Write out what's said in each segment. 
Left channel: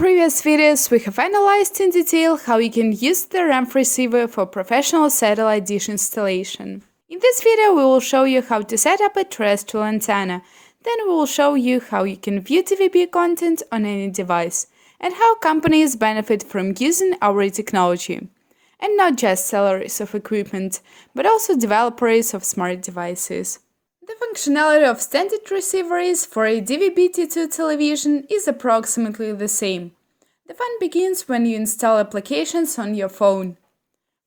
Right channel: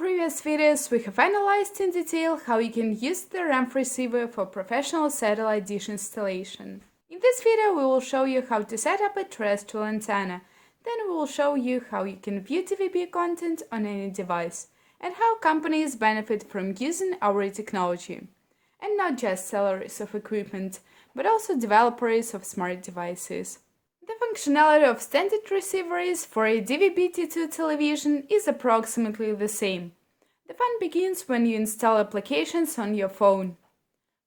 previous videos, we have analyzed in detail how you can use the RAMF receiver for professional satellite dish installation. In this video, we will show you how to set up a terrestrial antenna. Then we will show you how you can view DVB content on any device, and how companies benefit from using our technology. And not just sellers of equipment, but also developers of smart devices. The functionality of standard receivers for a DVB-T2 television is approximately the same. The fun begins when you install applications on your phone.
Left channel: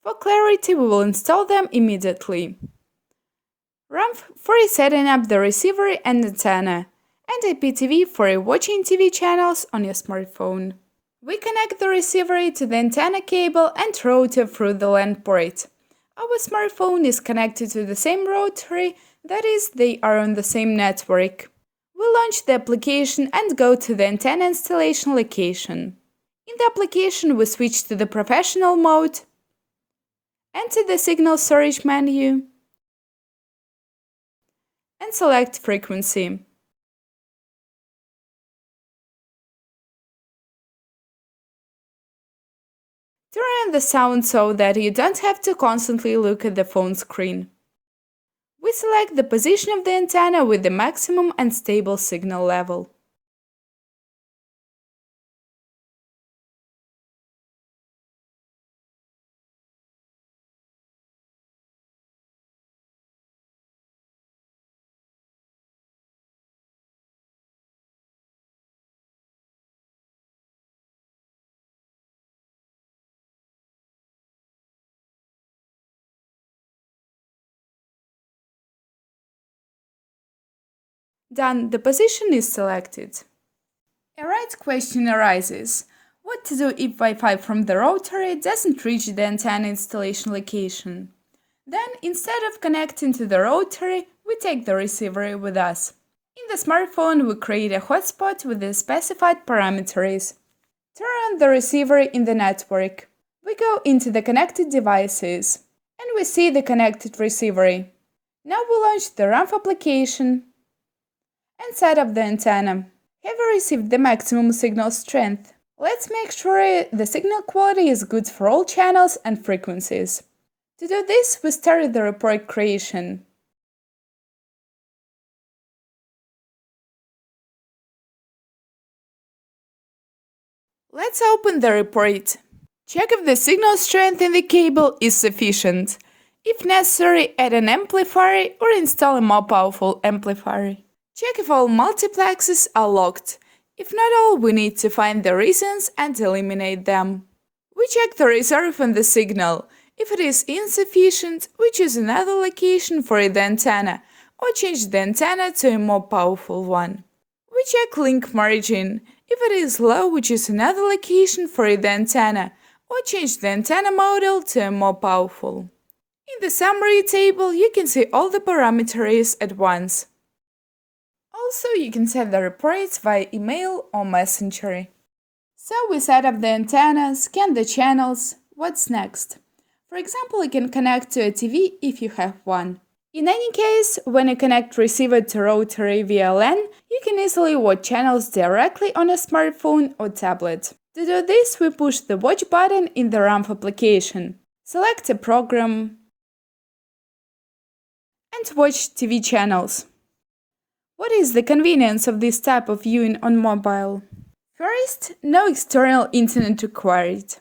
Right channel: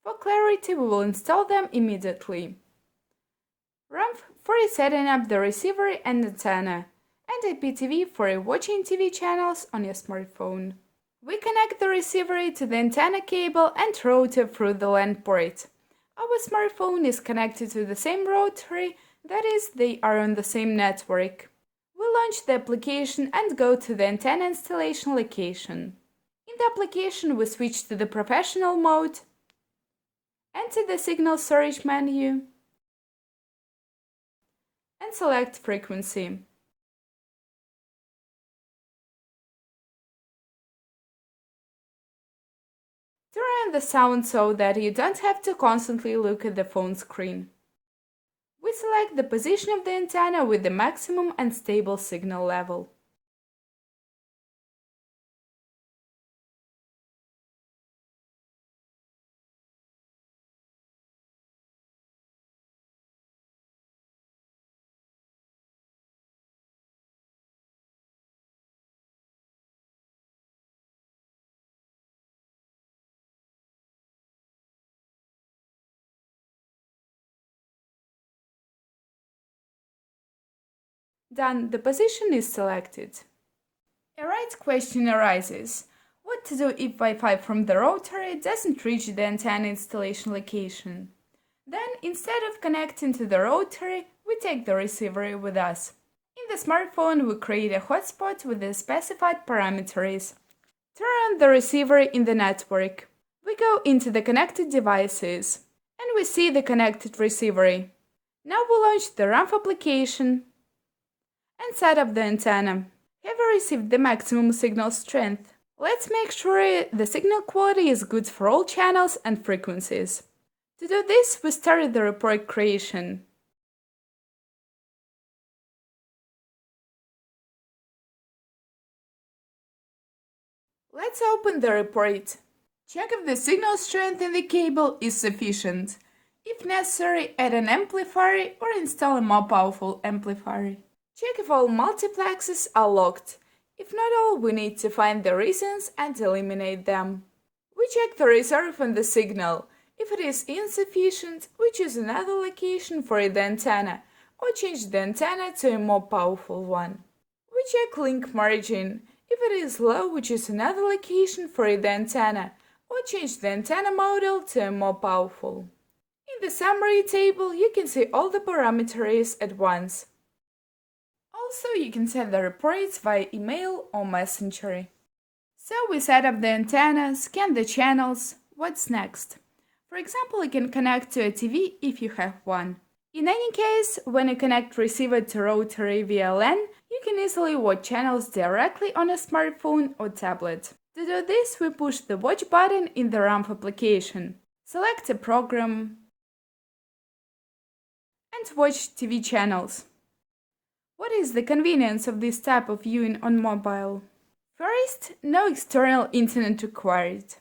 For clarity, we will install them immediately. RAMF for setting up the receiver and antenna, and IPTV for watching TV channels on your smartphone. We connect the receiver to the antenna cable and router through the LAN port. Our smartphone is connected to the same router, that is, they are on the same network. We launch the application and go to the antenna installation location. In the application, we switch to the professional mode, enter the signal storage menu, and select frequency. Turn on the sound so that you don't have to constantly look at the phone screen. We select the position of the antenna with the maximum and stable signal level. Done, the position is selected. A right question arises: what to do if Wi-Fi from the router doesn't reach the antenna installation location? Then, instead of connecting to the router, we take the receiver with us. In the smartphone, we create a hotspot with the specified parameters. Turn on the receiver in the network. We go into the connected devices, and we see the connected receiver. Now we launch the RAMF application and set up the antenna. Have you received the maximum signal strength? Let's make sure the signal quality is good for all channels and frequencies. To do this, we start the report creation. Let's open the report. Check if the signal strength in the cable is sufficient. If necessary, add an amplifier or install a more powerful amplifier. Check if all multiplexes are locked. If not all, we need to find the reasons and eliminate them. We check the reserve on the signal. If it is insufficient, we choose another location for the antenna, or change the antenna to a more powerful one. We check link margin. If it is low, we choose another location for the antenna, or change the antenna model to a more powerful. In the summary table, you can see all the parameters at once. Also, you can set the reports via email or messenger. So we set up the antenna, scan the channels. What's next? For example, you can connect to a TV if you have one. In any case, when you connect receiver to router via LAN, you can easily watch channels directly on a smartphone or tablet. To do this, we push the watch button in the RAMF application. Select a program and watch TV channels. What is the convenience of this type of viewing on mobile? First, no external internet required.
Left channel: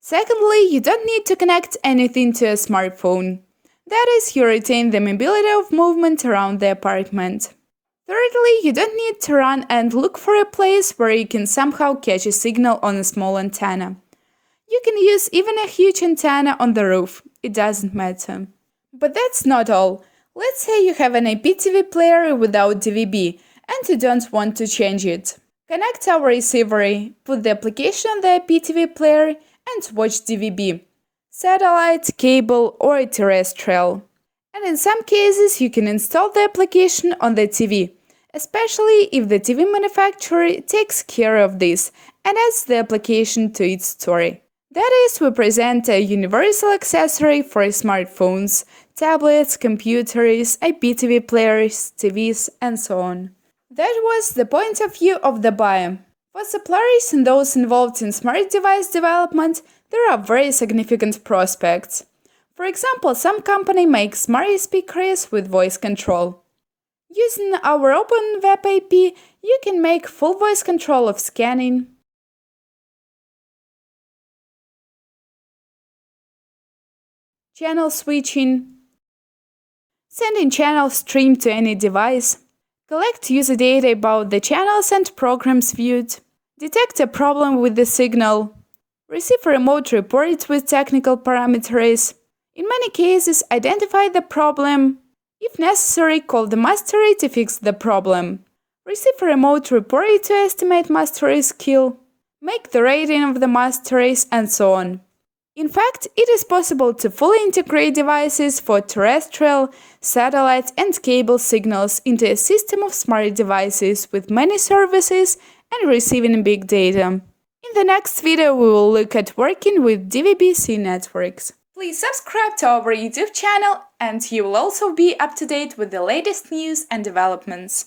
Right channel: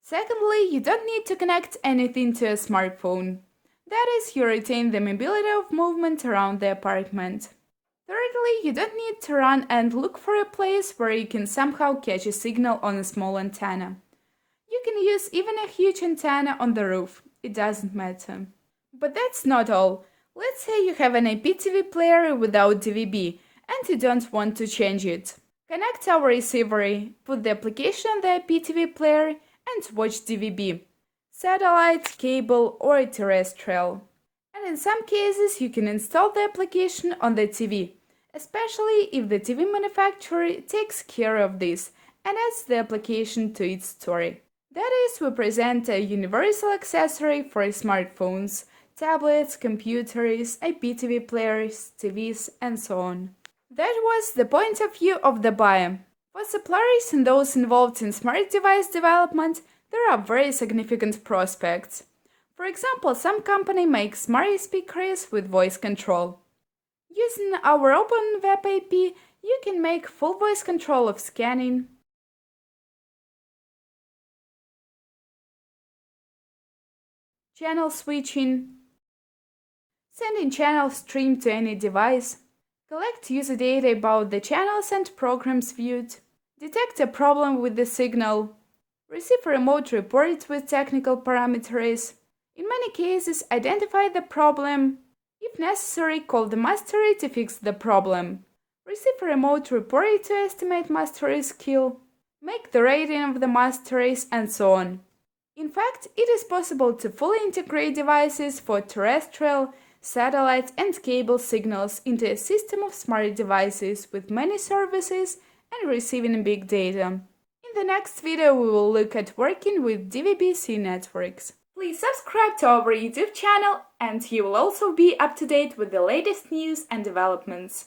Secondly, you don't need to connect anything to a smartphone. That is, you retain the mobility of movement around the apartment. Thirdly, you don't need to run and look for a place where you can somehow catch a signal on a small antenna. You can use even a huge antenna on the roof, it doesn't matter. But that's not all. Let's say you have an IPTV player without DVB and you don't want to change it. Connect our receiver, put the application on the IPTV player and watch DVB, satellite, cable or terrestrial. And in some cases you can install the application on the TV, especially if the TV manufacturer takes care of this and adds the application to its store. That is, we present a universal accessory for smartphones, tablets, computers, IPTV players, TVs, and so on. That was the point of view of the buyer. For suppliers and those involved in smart device development, there are very significant prospects. For example, some company makes smart speakers with voice control. Using our Open Web API, you can make full voice control of scanning, channel switching, sending channel stream to any device, collect user data about the channels and programs viewed, detect a problem with the signal, receive a remote report with technical parameters, in many cases identify the problem, if necessary call the mastery to fix the problem, receive a remote report to estimate mastery skill, make the rating of the masteries, and so on. In fact, it is possible to fully integrate devices for terrestrial, satellite, and cable signals into a system of smart devices with many services and receiving big data. In the next video, we will look at working with DVB-C networks. Please subscribe to our YouTube channel and you will also be up to date with the latest news and developments.